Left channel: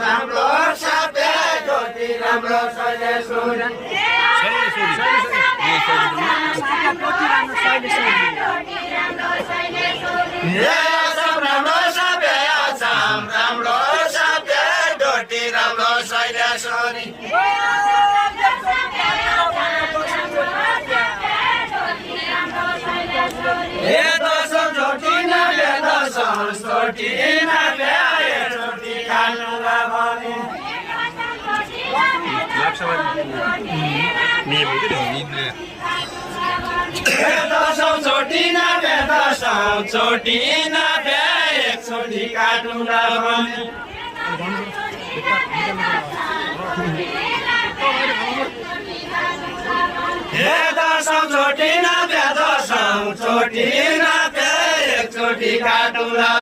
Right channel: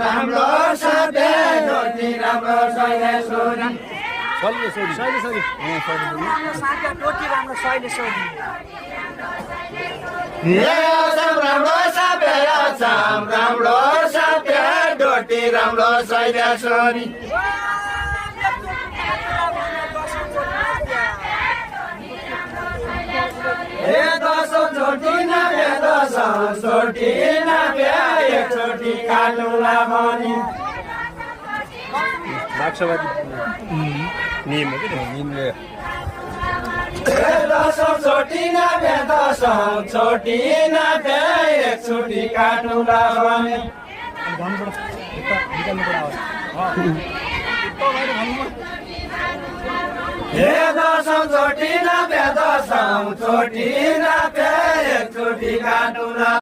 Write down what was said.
राम्रो सबै ज्योति राम्रो शैलेश्वरी राम्रो सबै ज्योति राम्रो शैलेश्वरी दसौँ चोटि नभे दसौँ चोटि नभे चोटि खानुला भने दसौँ चोटि नभे दसौँ चोटि नभे एकचोटि काट्नुला भने दसौँ चोटि नभे दसौँ चोटि नभे एकचोटि काट्नुला